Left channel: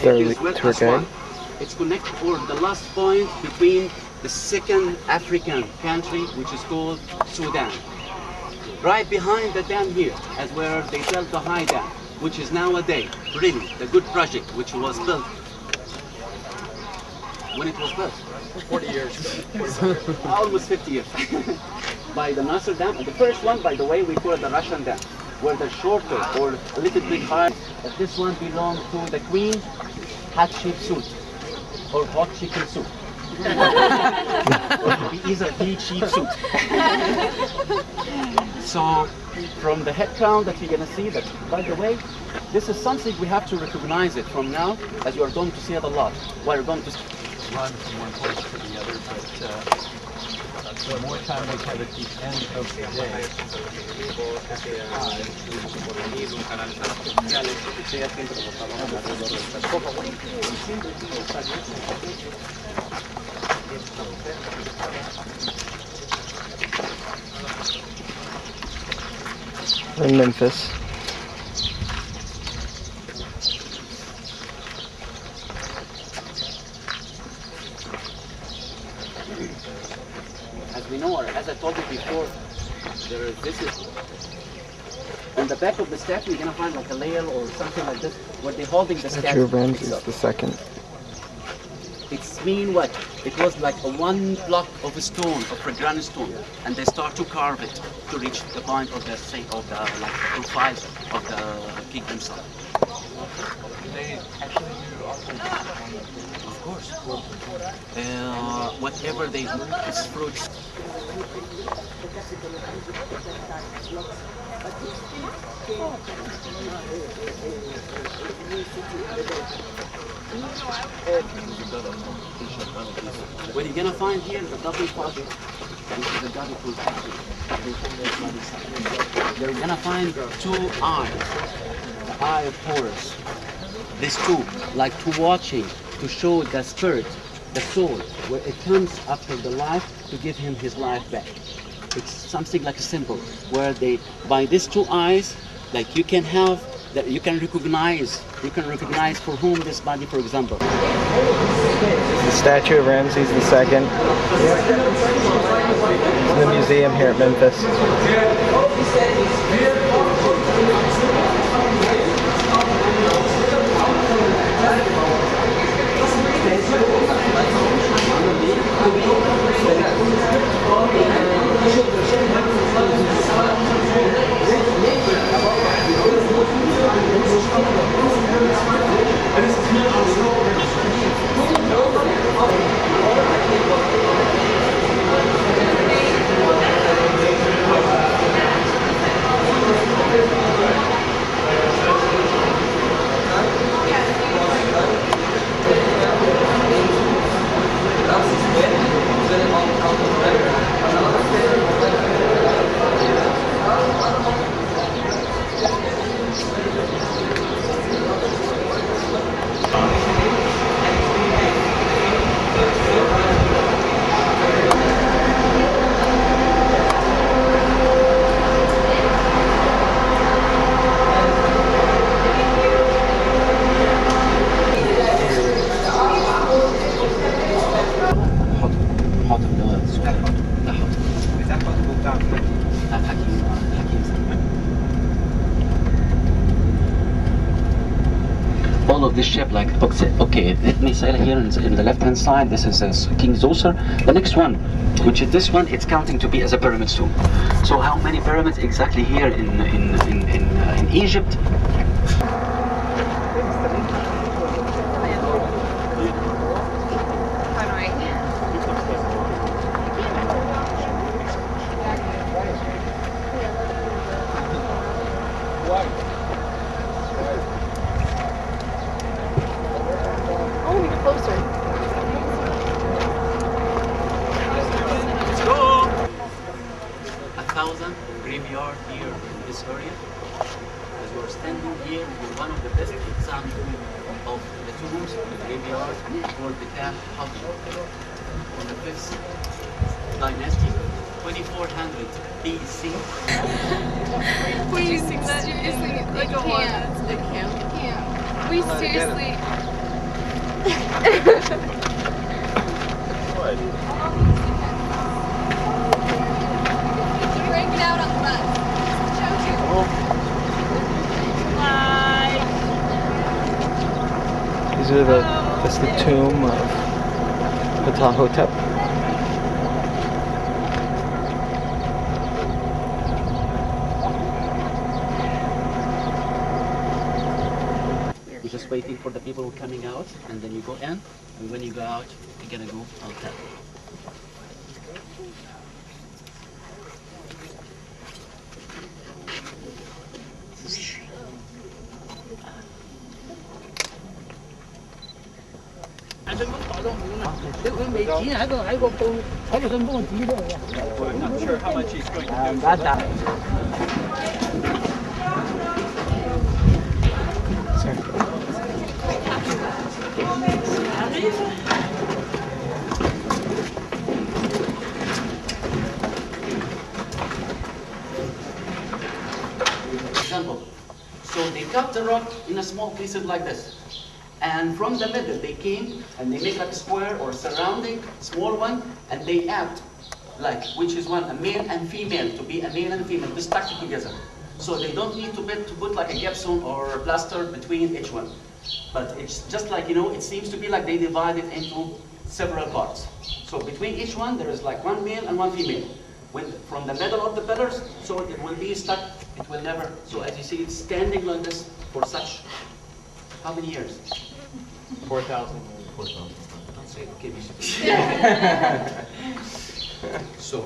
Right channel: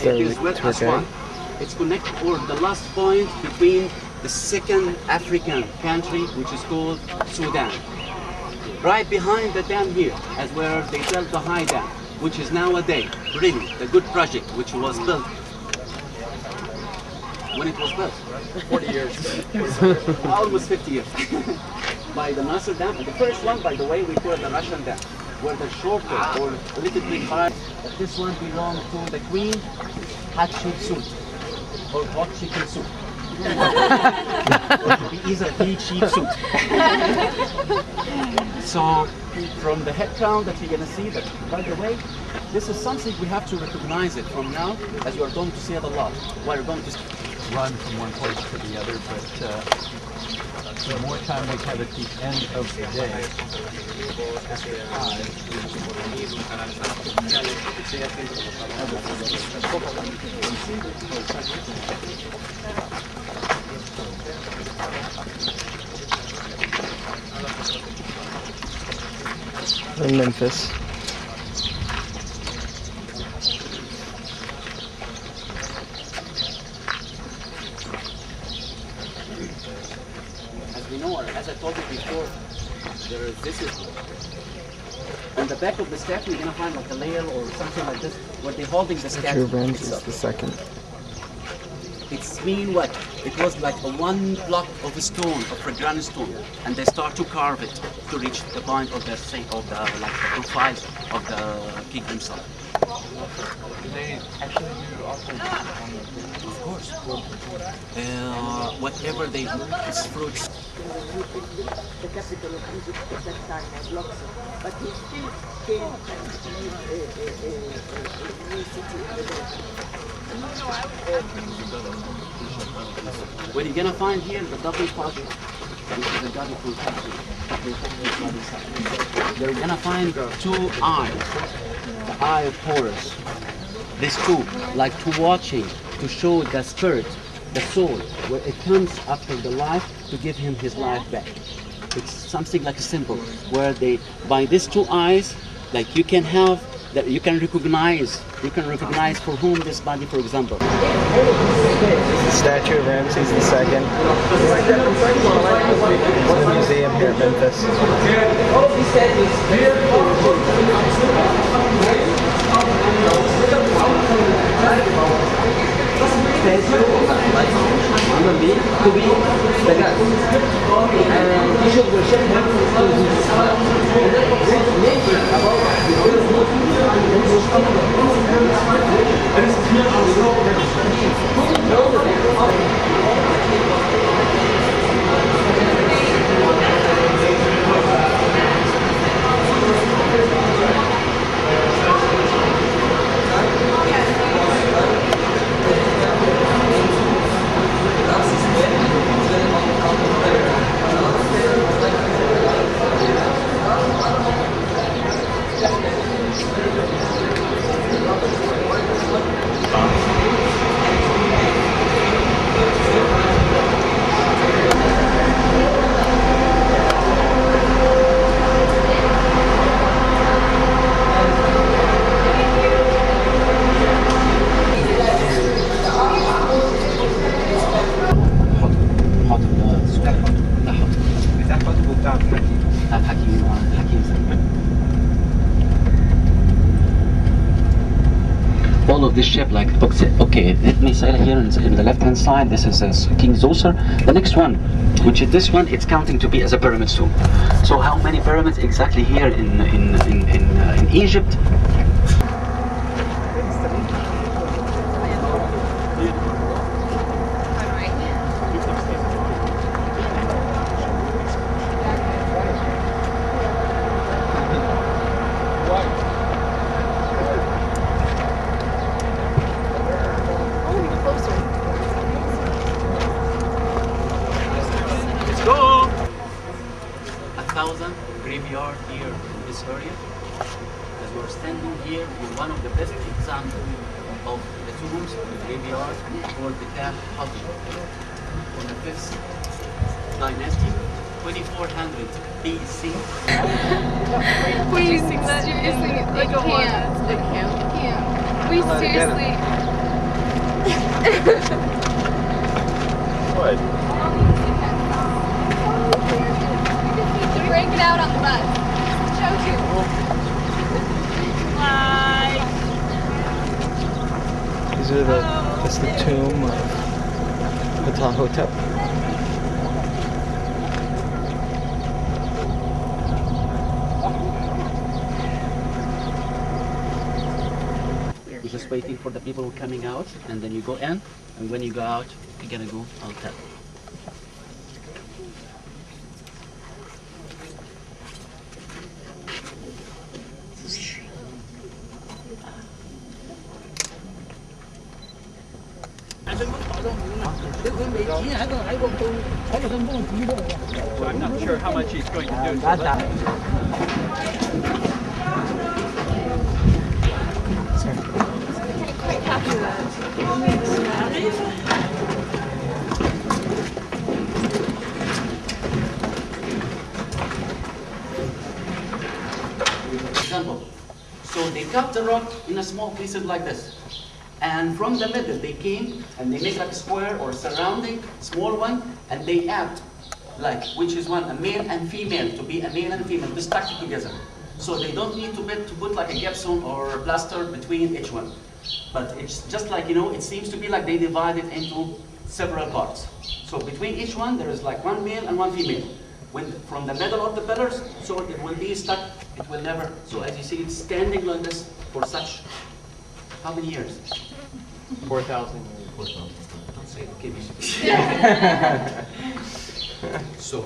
Is our is with tour Aswan. guide. It's connected, or the last point between the second African country, which is called Sudan. Right behind the dam here, as where they built the high dam, which is nowadays really the good project, which was built. When it was built? 40 years. Almost 50 years. By the Nasser Dam. And the first one, by the way, we call it the Russian Dam, where the shorter or a little bit higher. But this one belonged to the Queen Hatshepsut, or hot chicken soup. Or to be easier, sheep soup. So, from the head crown that you're going to see, that, by the way, this is something we have to recognize it from now, as you are going to see it a lot. We're going to Run from one place to the other, but the more time we have at the end of the day, We're in Memphis. as we know, or as I told you before, this is on the back of the statue. You're gonna find like a layer or something like this, where they're holding the Statue statue. of Ramses II. It's mean what? It was like a one block of a stone, of a granite stone, and they start to carve it to reach the point of the like the profile of the king himself. they actually do also Of course. Whatever they do, it's fruits. The capital of Egypt at that time was Luxor, but he still came to new city in the desert. What you're gonna find here, the double portrait, which is the god of protection. They're gonna find two eyes, the eye of Horus. These two, like two watching, to show the spirit, the soul, where it comes after the life to give him his life back. It's something like a symbol, where they, by these two eyes, like you can have, that you can recognize for whom this body, for example. The statue of Ramses II. It's in the museum here at Memphis. All of this shape, like, okay, let me say here in the left hand side, this is King Zoser. The next one, which is this one, it's counting to be as a pyramid too. So how many pyramids exactly here in Egypt? Let's go! 1,000 graveyard here in this area. As we're standing here in one of the best examples of the tombs, the graveyard for the Tah from the 5th dynasty, 2400 BC. Please sing that. Sing it like a one. I can't. We seriously. What? Break it out on the bus. Show you. These are that's the tomb of Ptahhotep. You're just waiting for the people who are coming out, and then you go in, and when you go out, you're gonna go outside. Well, I'm not sure how much he's going to do. Example. So they cut the rock in a small pieces like this. And from the middle they came and they make like a square or surrounding small one, and they add like which is one a male and female, to be a male and female to stack it together. So they don't need to put like a gypsum or a plaster between each one. But it's just like, you know, it seems to be like they divide it into several parts. So between each one there is like one male and one female. When from the middle of the pillars, so it will be stuck, it will never, so as you see it's standing like this for such, how many years? 4,000 years. 4,000. Don't say it, give me. So,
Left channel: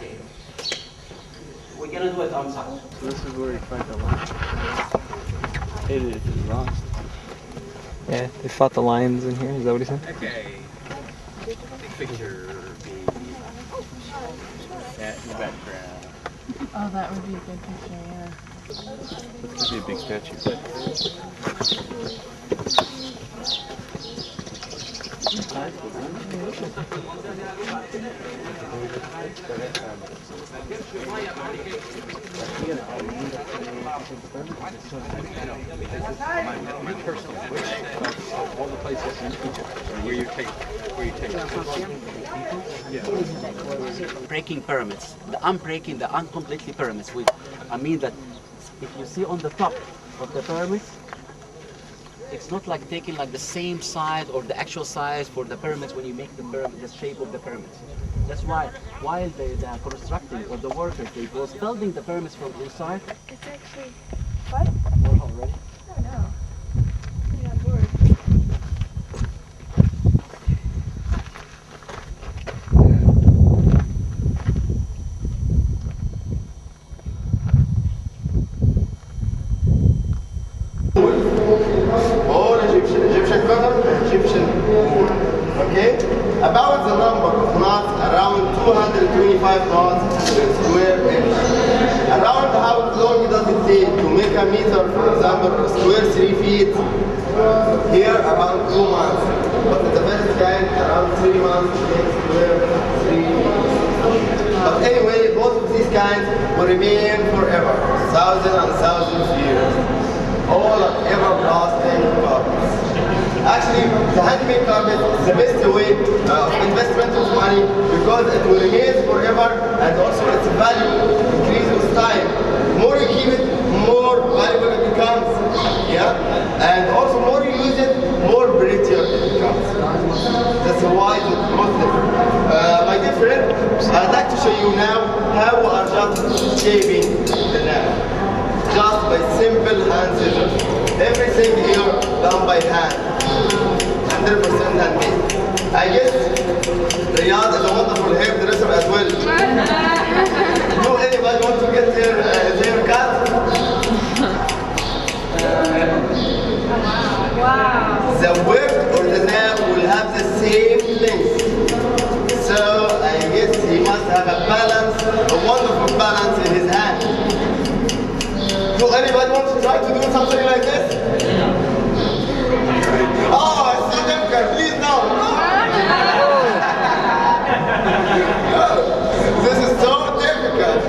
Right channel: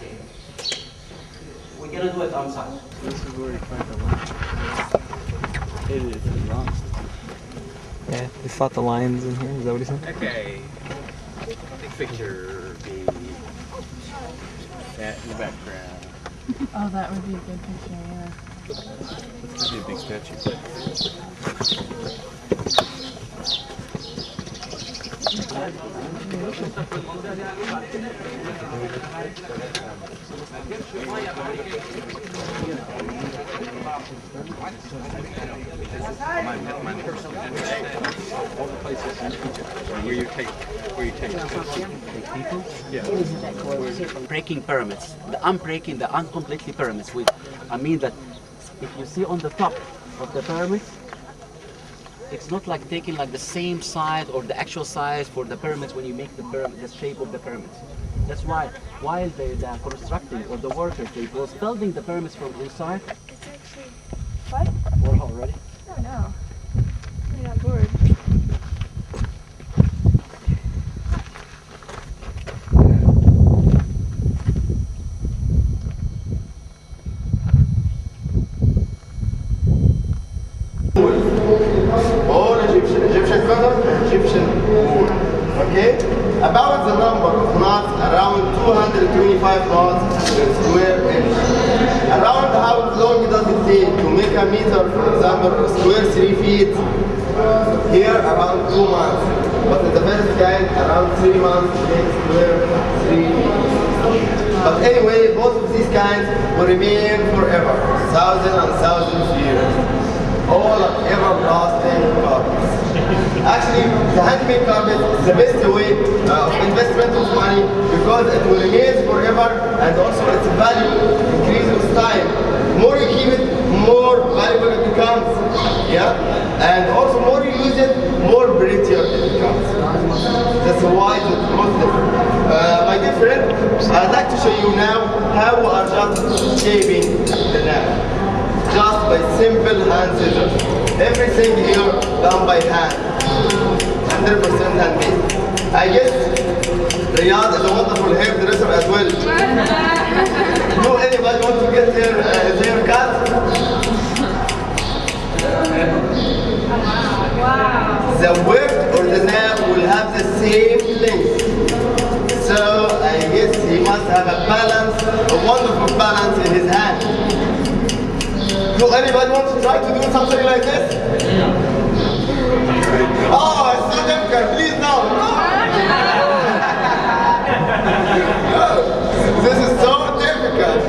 okay. We're gonna do it outside. This is where you find the lions. It is wrong. Yeah, they fought the lions in here. Is that what he said? Okay. Big picture. That in the background. Oh, that would be a good picture, yeah. This could be a big statue. My personal all the places in Egypt where you take people. Yeah. Breaking pyramids, the unbreaking, the uncompletely pyramids. I mean that if you see on the top of the pyramids, it's not like taking like the same size or the actual size for the pyramids when you make the pyramid, the shape of the pyramids. That's why while the constructing or the workers, they was building the pyramids from inside. It's actually... What? We're already. Oh, no. I'm not bored. All Egyptian color, Egyptian wool. Okay? About the number of knots, around 225 knots per square inch. Around how long does it take to make a meter, for example, square 3 feet? Here, around 2 months. But in the first kind, around 3 months to make square 3 feet. But anyway, both of these kinds will remain forever, thousands and thousands of years. All are everlasting carpets. Actually, the handmade carpet is the best way of investment of money because it will remain forever, and also its value increases with time. The more you keep it, more valuable it becomes. Yeah? And also more you use it, more prettier it becomes. That's why it's most different. My dear friend, I'd like to show you now how we are just shaping the lamp. Just by simple hand scissors. Everything here done by hand. 100% handmade. I guess Riyadh is a wonderful hairdresser as well. Do anybody want to get their hair cut? Wow. The width or the nail will have the same length. So I guess he must have a balance, a wonderful balance in his hand. Do anybody want to try to do something like this? Oh, it's so difficult. Please no. This is so difficult.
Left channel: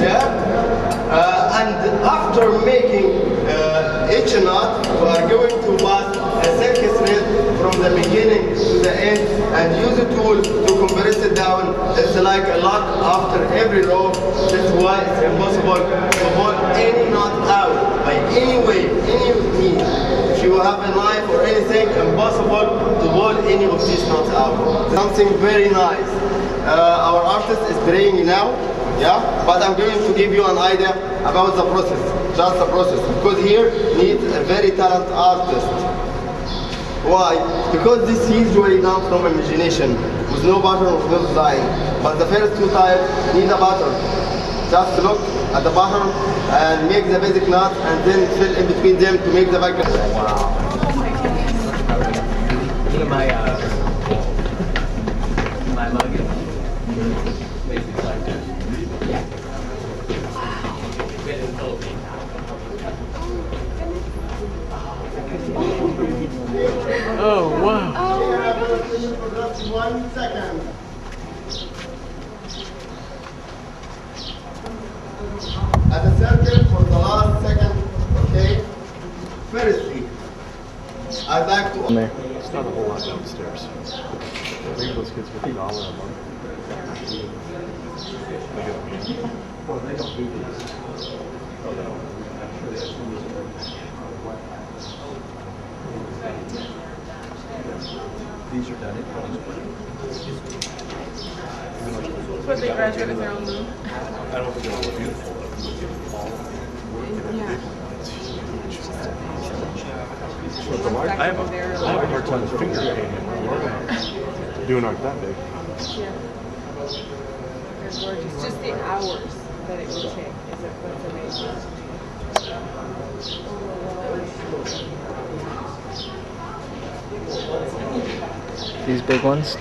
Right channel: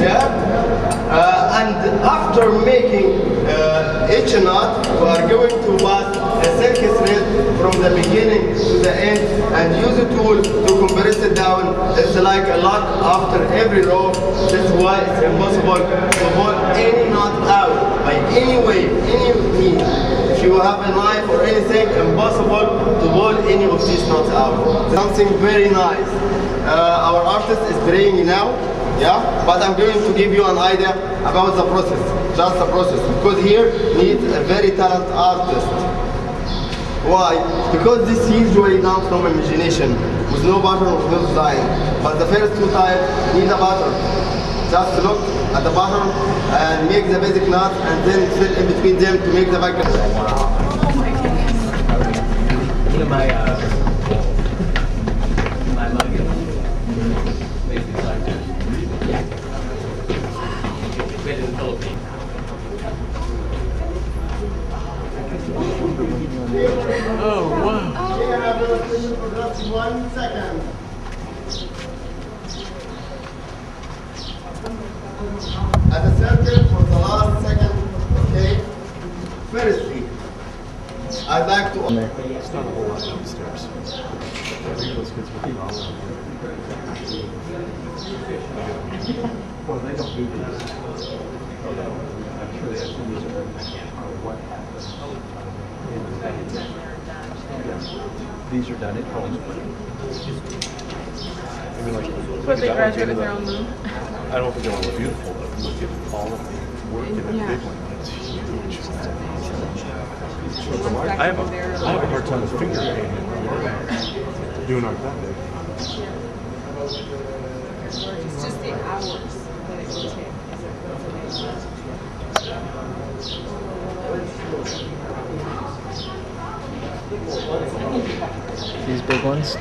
Yeah? And after making each knot we are going to pass a silk thread from the beginning to the end and use a tool to compress it down. It's like a lock after every row. That's why it's impossible to pull any knot out by any way, any means. If you have a knife or anything, impossible to pull any of these knots out. Something very nice. Our artist is draining now, yeah, but I'm going to give you an idea about the process, just the process, because here needs a very talented artist. Why? Because this usually comes from imagination, with no pattern, with no design. But the first two types need a pattern. Just look at the pattern and make the basic knot, and then fill in between them to make the background. Look at my mug is basically like this. Made in the Philippines. Oh, wow. 1 second. At the center for the last second, okay? Firstly, I'd like to... It's not a whole lot downstairs. Maybe those kids will be all in. Well, they don't do these. Oh, no. I'm sure they have some of these are done at Cold Spring. But they graduate with their own moon. I don't think it'll look beautiful, but look at all of the work in that big one. It's huge. I have a hard time with finger painting. Doing art that big. It's just the hours that it will take. Is it These big ones.